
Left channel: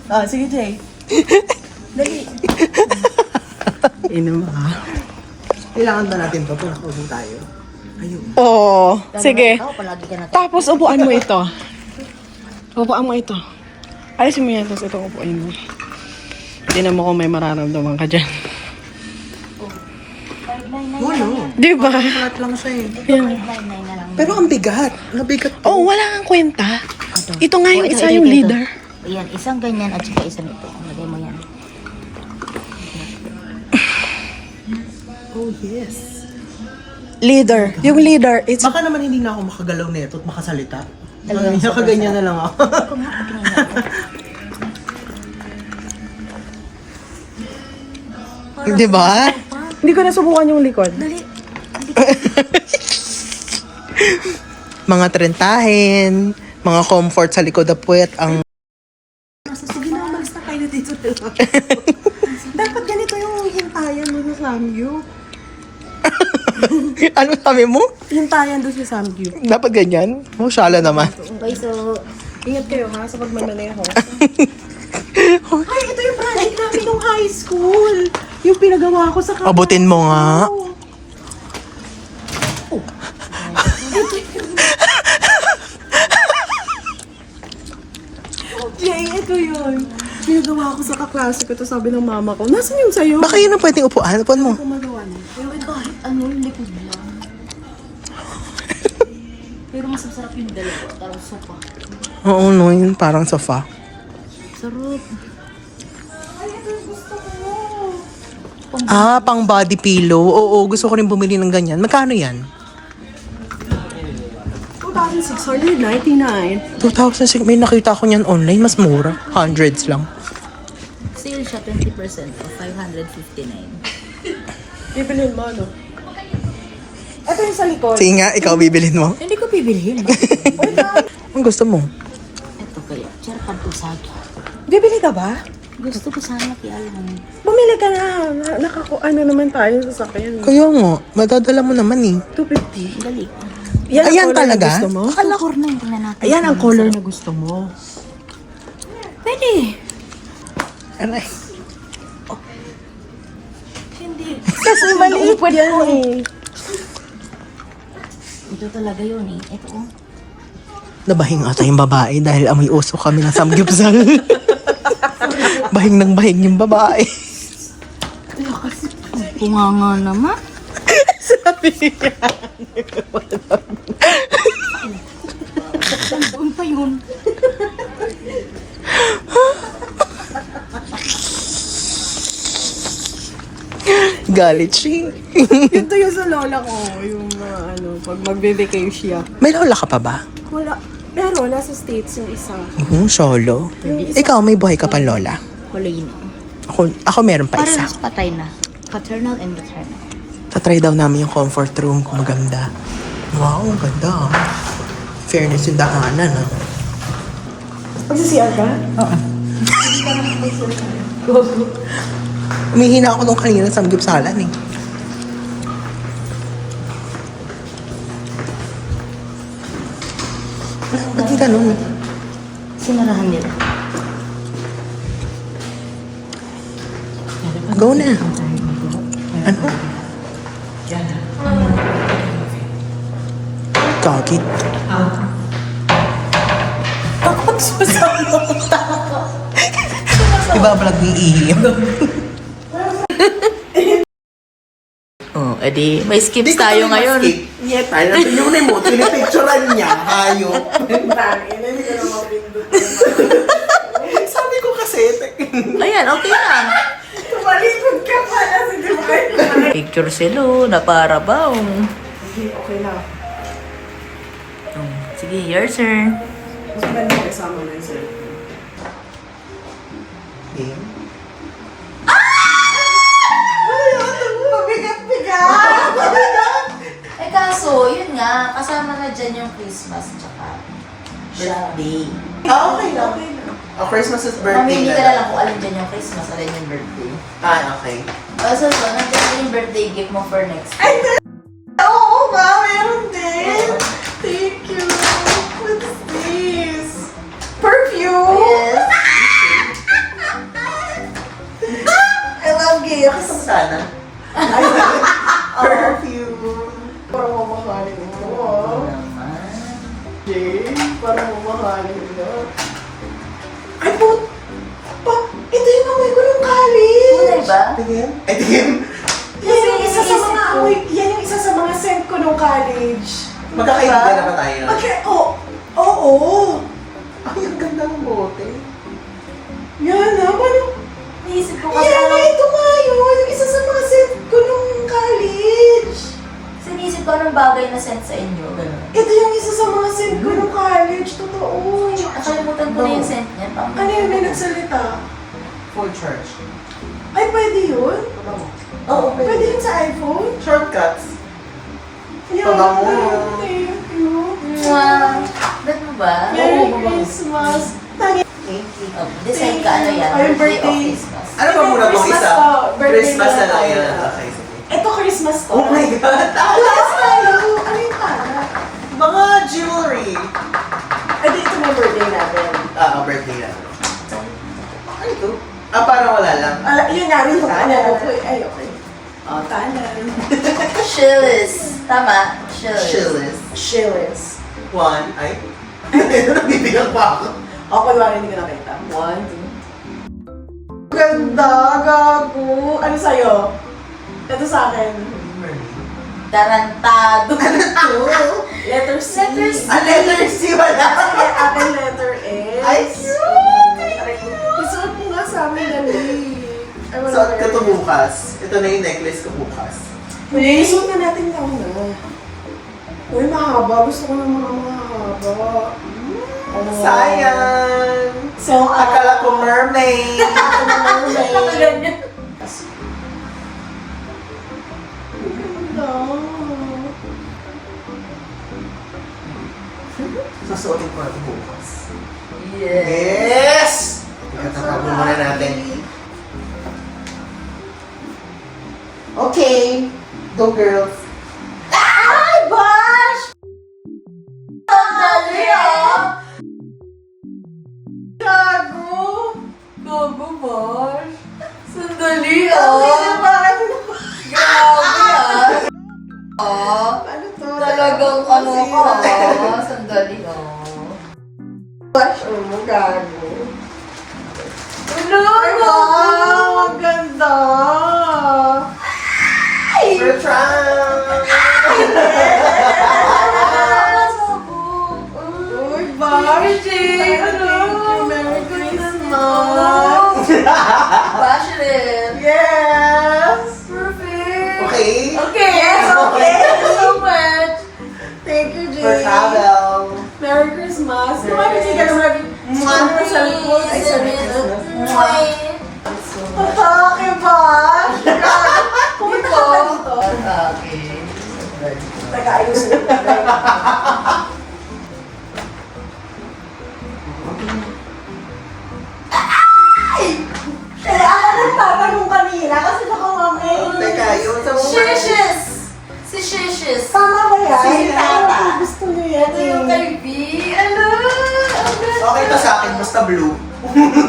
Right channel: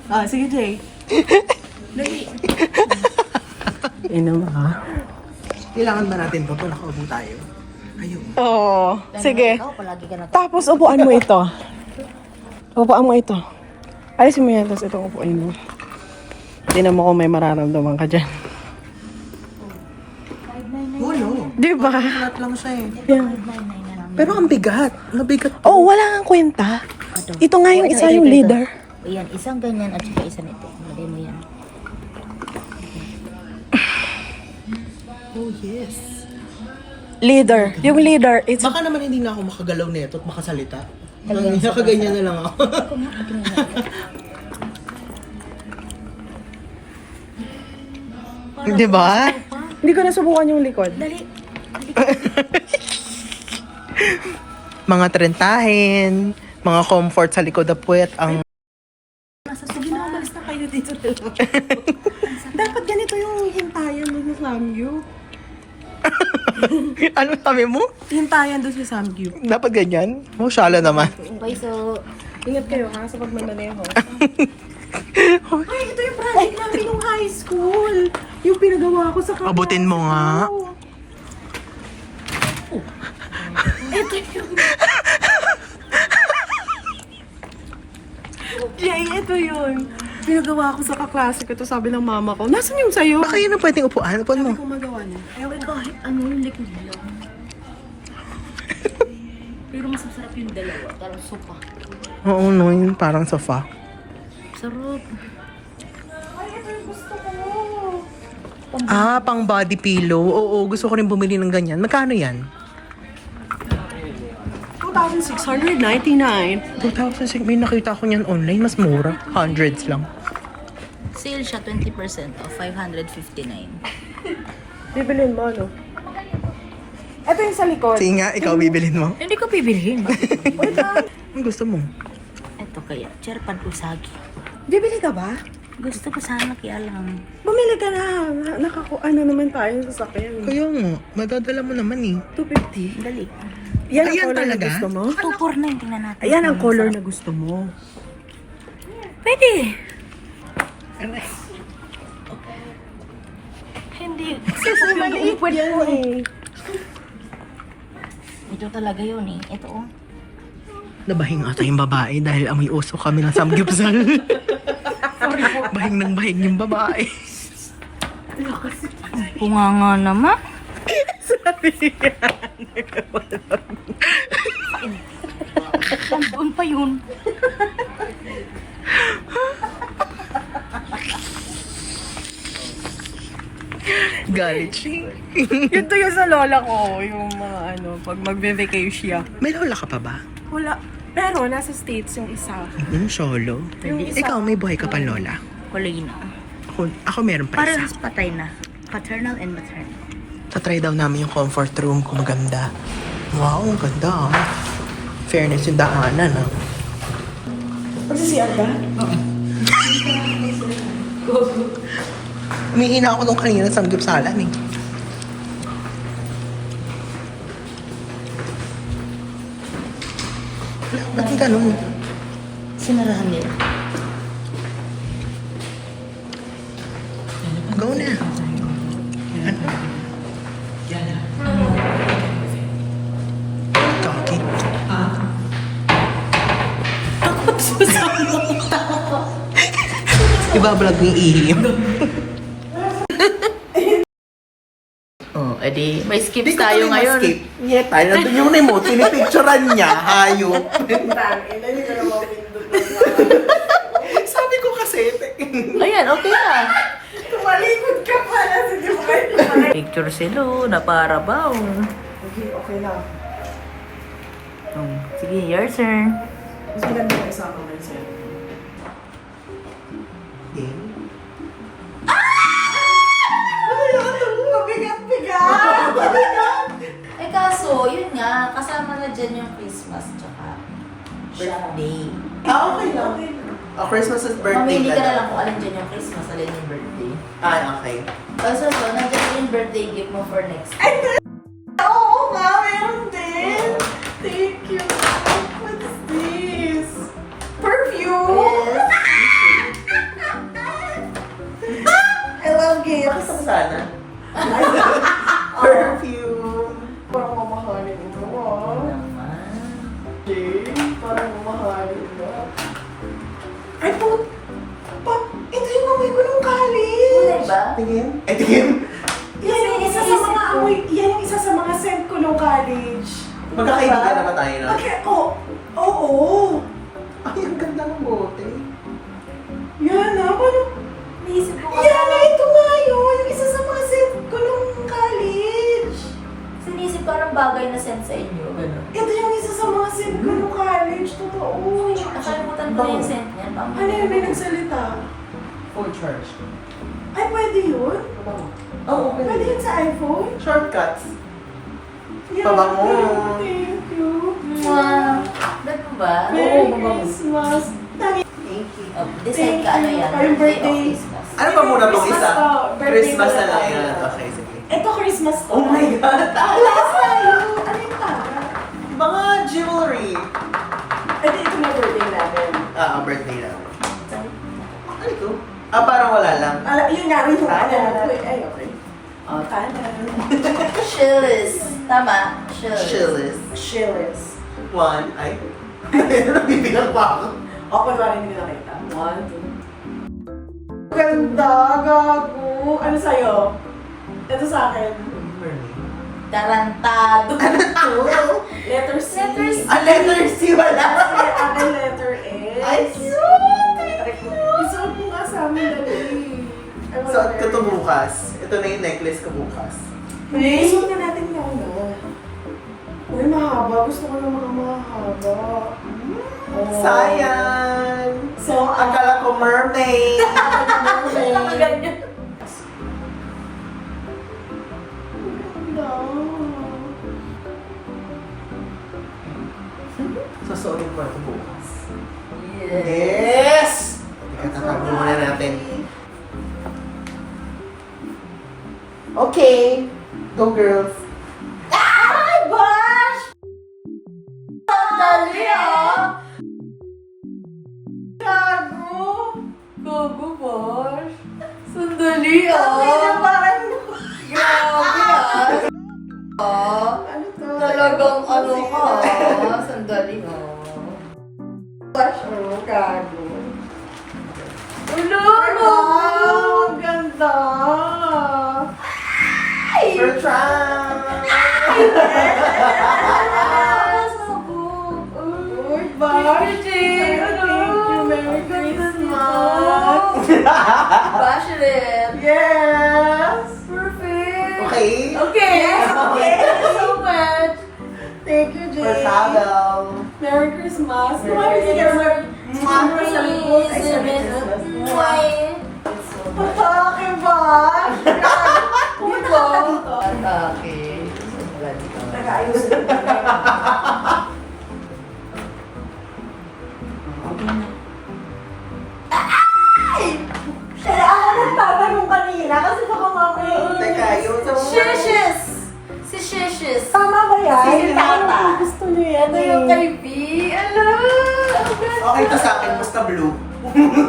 Ah, sige Jay. Dali. Ina mo ha? Kailangan ba natin to? Kung nakaupo tayo. Ayun. Oo. Sige. Ikaw, palagi ka na. Tapos upuan mo ito. Upuan mo ito. Alisin mo yan, tapos itong upuan mo. Tingnan mo kung may mararamdaman ka dyan. Wala. Di ba? Flat lang siya eh. Yan. Pero ang bigat. Ang bigat. Oh, wala kang kwenta. Ito nga yung isa yung leader. Ayan, isang ganyan at saka isang ito. Lagay mo yan. Oh yes. Leader. Yung leader, it's... Baka naman hindi na ako makagalaw nito at makasalita. Nakaganyan na lang ako. Di ba? Hindi ko nasubukan yung likod. Dali. Mga trentahin, mga comfort sa likod na puwet ang... Sige na, umalis na kayo dito. Dapat ganito yung hintayan doon sa Samgyup. Ano sabi mo? Hintayan doon sa Samgyup. Dapat ganyan? Oh, syala naman. Okay, so... Ingat kayo ha, sa pagmamaneho. Ay, ito yung project namin nung high school. Yung pinagawa ko sa kanto. Abutin mo nga. Jay, ito yun. Pinagawa ko sa kaklase ko. Ito sabi ng mama ko. Nasaan yung sayo? Baka yun ang pwedeng upuan. Upuan mo. Gumagawa niya. Pero kahit ano yung likod lang. Pero mas masarap yung dalawa. Parang sopa. Oo, no. Yun parang sofa. Sarap. Ay, ito yung gusto ko. Ah, pang body pillow. Oo, gusto ko rin bumili ng ganyan. Magkano yan? 2,699. 2,000. May nakita ko niyan online. Mas mura. Hundreds lang. Sale siya 20% of 559. Bibilhin mo, ano? Ito yung sa likod. Sige nga, ikaw bibilin mo. Hindi ko bibilhin. Ang gusto mo? Ito kaya. Charpan usagi. Bibili ka ba? Gusto ko sana kaya lang. Bumili Bumili ka na. Ano naman tayo sa sakyan. Kaya nga, madadala mo naman eh. 250. Dali. Yan ang Ayan color talaga? na gusto mo? 249, tingnan natin. Ayan ang color na gusto mo. Pwede. Aray. Hindi. Kasi maliit yan eh. Ito talaga yun eh. Ito oh. Nabahing ata yung babae dahil amoy uso kami ng samgyupsal. Bahing ng bahing yung babae. Punganga naman. Sabi niya. Doon pa yun. Galit siya. Yun to yung sa lola ko. Yung pag magbe-vacation siya. May lola ka pa ba? Wala. Pero nasa States yung isa. Solo. Ikaw, may buhay ka pa lola? Kulay na. Ako meron pa isa. Parehas patay na. Paternal and maternal. Tatry daw namin yung comfort room kung maganda. Wow, ang ganda ah. Fairness yung daanan ah. Magsisiyar ka? Umihina ako nung kanina sa samgyupsalan eh. Ba't yung ganun? Sinarahan nila. Go na. Ano? Kagit. Ibablog ni Ihim. Oh, edi may skips tayo ngayon. Yeah, tayo na yun mo. Pinipicturean niya. Hayop. Sabi ko kasi. Ayan, okay na. Tumalikod ka pala si Dubai. Picture si Lu na para ba? Okay na. Sige, your turn. Mas maganda mo isama mo yun sa'yo. Eh kaso, yun nga, kasama na dyan yung Christmas tsaka birthday. Okay lang. Christmas is Mamili ka na lang kung alin dyan yung Christmas, alin yung birthday. Okay. So, nandiyan yung birthday gift mo for next year. Oo nga, meron din. Thank you. What's this? Perfume! Yes. I love gifts. Pakita mo sana. Perfume. Parang mamahalin mo. Naman. Okay, parang mamahalin mo. Ay po! Ito yung amoy ko nung college! Kulay ba? Tingin? Ay, tingin. Yan yung isa sa Isip mga ko. amoy, yan yung isa sa mga scent ko nung college. Magkakaibigan na ba tayo na? Okay, oo. Ay, ang ganda ng bote. Yan na, parang, Naisip ko kasi yan, ano, ito nga yun, yung isa sa mga scent ko nung college. sinisip ko anong bagay na sent sa inyo. Ganun. Ito yung isa sa mga scent ko nung college, totoo. Nakalimutan ko na yung scent niya. Ano yung may nagsalita? Full charge. Ay, pwede yun? Oo, Pwede yun sa iPhone? Shortcuts. Yan, Pabango. thank you. Bet mo ba? Merry Christmas. Oh, decide ka ano yan. Ay, Birthday o birthday. Christmas. Ano ba muna itong Christmas isa? to. Birthday Christmas na na lang tayo. yan. Okay, sige. Ito Christmas to. Oh my God! Last tayo. Ano yung tala? Mga jewelry. Ito mga birthday namin. Birthday na. Ano ito? Parang wala lang. Yun nga rin yung Tala. ano. Ay, okay. Oh, tala. Shillis. Tama. Shillis. Shillis. Shillis. One. Ay. Nabibilang pa ako. O, kunwari hindi ko nakita. 1, 2. Ganda, gago. Ano sa'yo? Ito sa akin. Tarantado. Letter C. Letter C. Letter C wala. Akin letter S. Ay, cute! Isuot mo nga sa amin, dali. Suot ko to bukas. Ito na yung necklace ko bukas. Isuot na natin ito. Uy, mahaba. Gusto ko ng mga mahaba. Oh. Sayang! So, Akala ko mermaid! Ganyan. Susuotin ko na ito bukas. Yes. Yes! Tatago muna natin. Okay. Go girls. Ay, Bash! Sandali, ah! Gago! Gago, Bash! Sandali, ah! Parang... Grabe, ah! Ano to? Talagang ano ka, sandali, ah. Bash, oh, gago. Ano? Wow! Ang ganda! Bertrand! Uy, Bash! Ano? Merry Christmas! Bash rin! Yes! Perfect! Okay. Okay! Okay! Thank you so much! Thank you, Jay! For travel. Merry Christmas! Kumain ka na Merry sa likod. Ay, sabihin ko. Atake, Bash! Pumunta ka dito. Atake. Nag-ayos din. Kaya ako nagtatanong kanina kasi nakamamay. Teka, yung sa mga... Shishis! Si Shishis! Tama ba yan? Si Tata. Gusto niyo yan Ito yung kay B. Ano? Okay to sa akin, basta blue.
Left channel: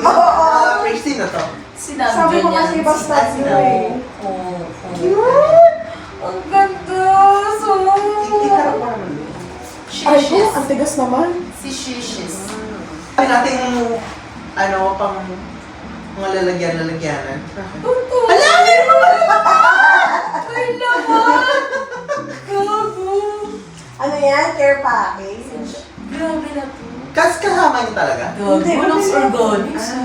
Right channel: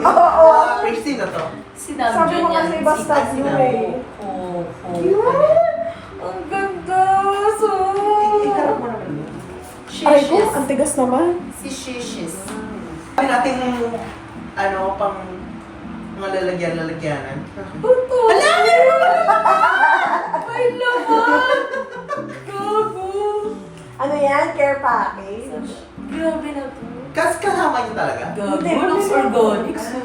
Oo. Praise sino to? Sinabi Sabi mo niya kasi si basta Tata. blue eh. Cute! Ang ganda! So... Ikarap mo naman blue. Shishis. ang tigas naman. Si Shishis. Ay natin ano, pang mga lalagyan-lalagyanan. Hala! Ay, laman! Gago! Ano yan? Care package? Grabe na to. Kasi kasama niyo talaga? Gago, looks organic. So,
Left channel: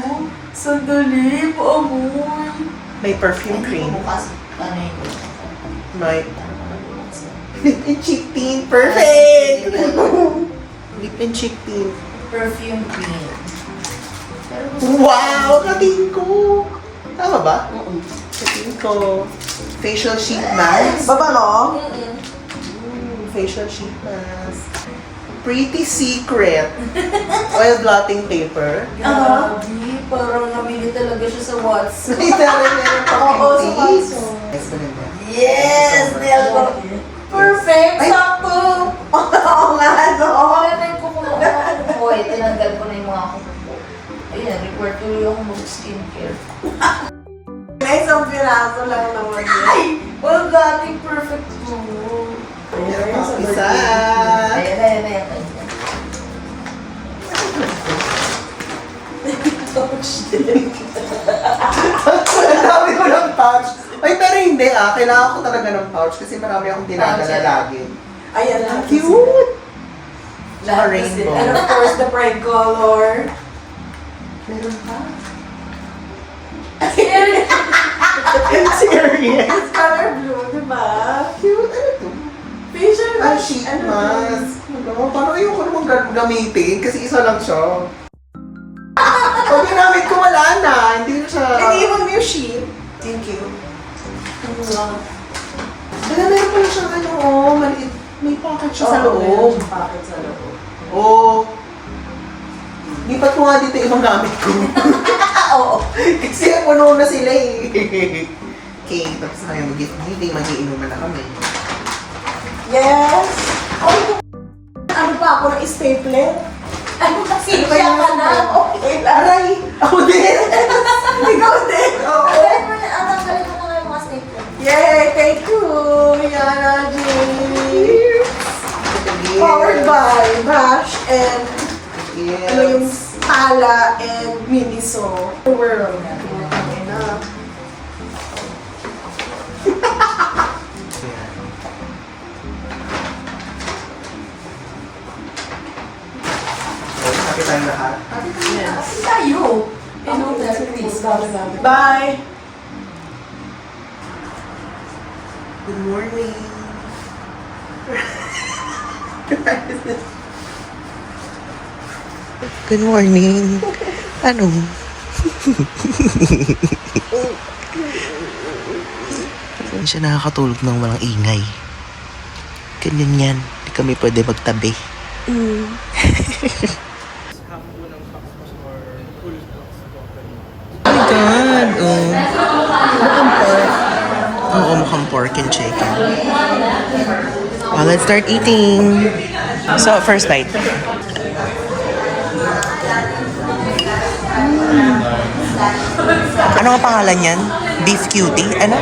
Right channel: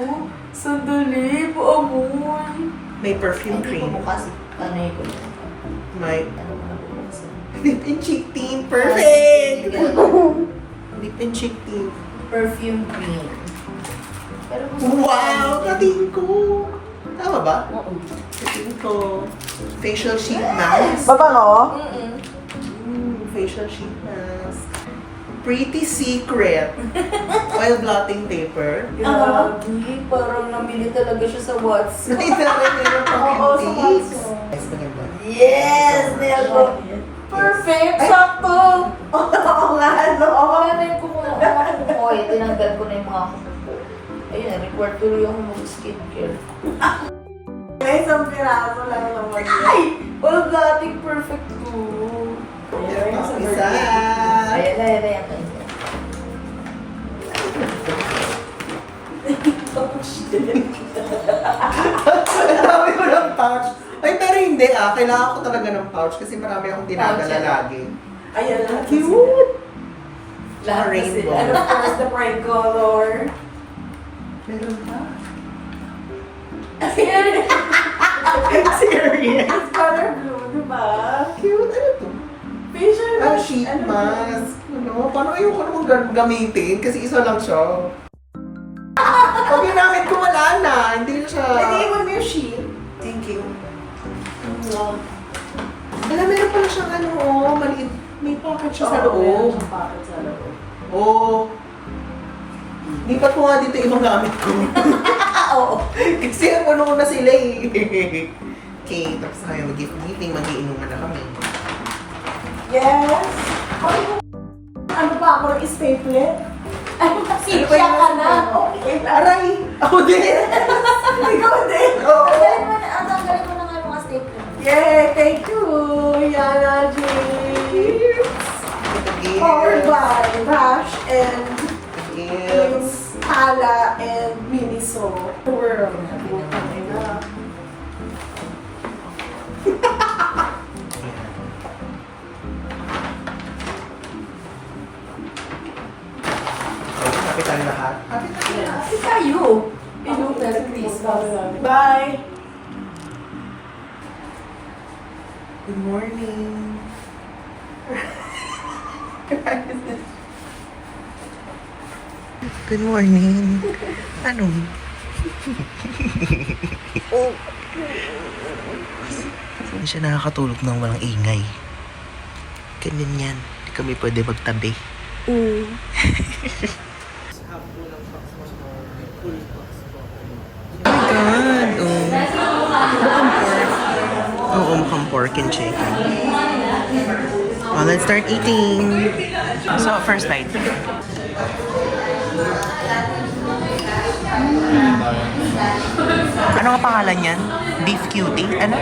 sandali, paamoy. May perfume cream. bukas. Ano yun? May lip and cheek tint. Perfect! Lip and cheek tint. Perfume cream. Pero Wow! Kating ko! Tama ba? Kating ko. Facial sheet mask. Baba no? Facial sheet mask. Pretty Secret. Oil blotting paper. Grabe, parang nabili talaga siya sa Watson. Ay, talaga meron pang Oo, sa tips. Watson. Nice ba nito? Yes! Nail ko. Perfect! Ay. Sakto! Oo nga, no? Ano yung kukuha? Tinanggal ko na yung mga kukuha. Ayan, required tuloy ako mag-skincare. Isang piraso lang naman yun. Ay! Well, dating perfect to. Meron pang isa. Ayan. Ang dami ko ng pouch. Ay, pero hindi ah. Kailangan ko talaga ng pouch kasi marami akong dinadala Pouch, lagi. Ayan lang. Cute! Lahat na Rainbow. sila. And of course, the pride color. Meron pa? Serious? Serious? It's color blue, di ba? Cute. Ano to? Facial Ah, mask. sheet Ano mask. Ano? Paano ayoko namang gamitin? Kasi isa lang siya. Pag ginamit ko, wala na. Hindi na siya. Nag-iwan mo yung sheet. Thank you. Wala, meron pala siyang ano, oh, maliit. May pocket siya sa loob. Bakit sa loob? Oo. Lipat ko nga dito yung mga gamit ko. Oo. Kasi puno na sila eh. Okay, tapos na kayo mag-gift giving, mag-iinuman na kami. Yes! Ay, ano pa ako ng stapler? Siya ka na. Okay lang. Aray! Ako din! Ikaw din. Oo. Tanggalin mo na nga yung mga stapler. Yay! Thank you, Yana J. Again. Powered by Bash and Yes. James Ala and Miniso. The world. Happy tayo lahat. Kasi tayo. Hello, Merry Christmas. Bye! Good morning. Good morning. Ano? Hindi siya nakakatulog ng walang ingay. Ganyan yan. Hindi kami pwede magtabi. Oh my God! Oh. Oo, mukhang pork and chicken. Let's start eating. So, first bite. Ano ang pangalan yan? Beef cutie? Ano?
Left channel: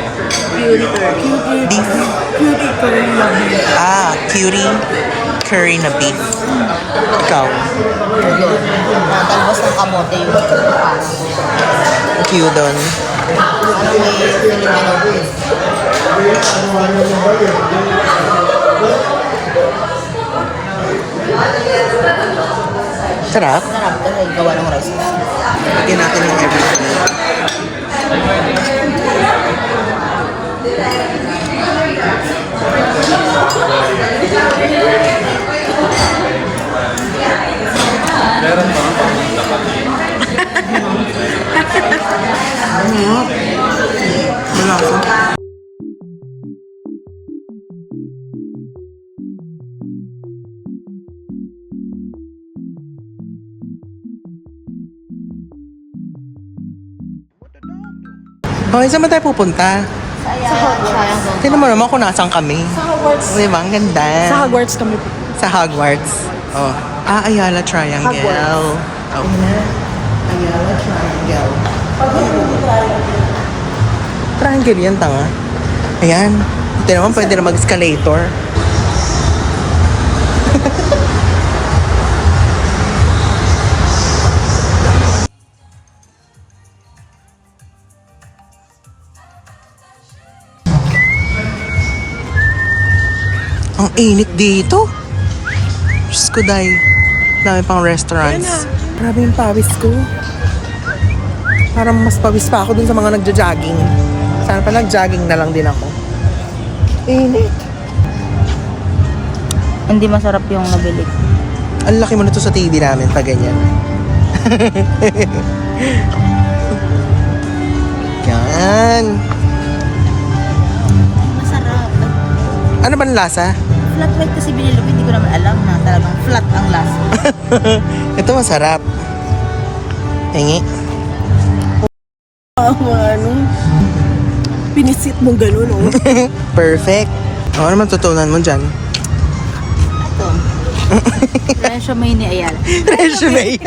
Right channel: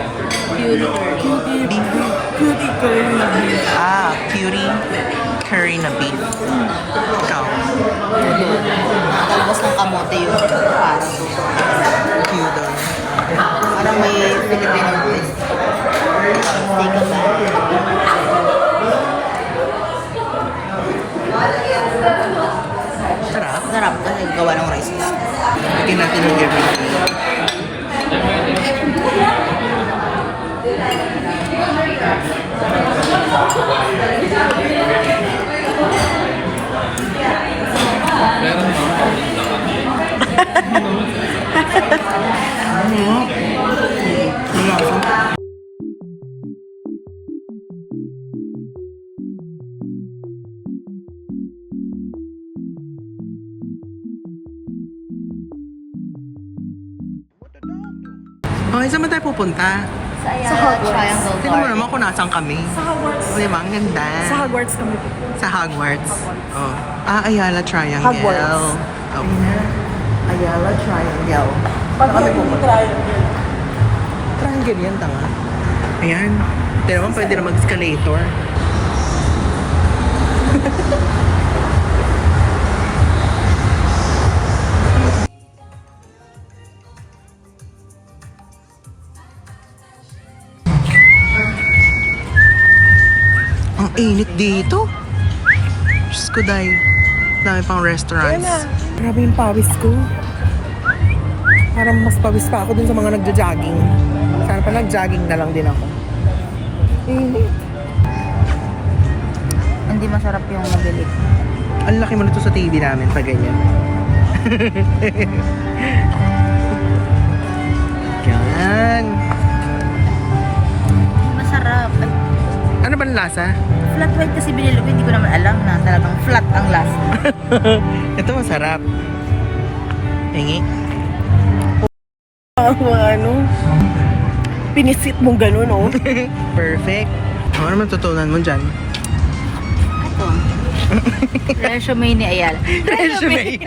Beef. Cutie curry na beef. Cutie curry na beef. Ikaw. Doon. Talbos ng kamote yung parang. Kyudon. Parang may Filipino. Sarap. Sarap kasi gawa ng rice. Lagyan natin ng everything. Malasa. Okay, saan ba tayo pupunta? Sa Ayala Triangle. Tignan mo naman kung nasaan kami. Sa Hogwarts. O, diba? Ang ganda. Sa Hogwarts kami. Sa Hogwarts. Oh. Ayala Triangle. Oh. Ayala Triangle. Ano pupunta? Triangle yan, tanga. Ayan. Ito naman, pwede na mag-escalator. Ang init dito. Diyos ko, day. Dami pang restaurants. Grabe yung pawis ko. Parang mas pawis pa ako dun sa mga nagja-jogging. Sana pa nag-jogging na lang din ako. Init. Hindi masarap yung nabili. Ang laki mo nito sa TV namin pag ganyan. Yan. Masarap. Ay, Ano ba ang lasa? flat white kasi binili ko. Hindi ko naman alam na talagang flat ang lasa. Ito masarap. Tingi. Ano? Pinisit mo ganun, oh. Perfect. Ano naman tutunan mo dyan? Ito. Resume ni Ayala. Resume.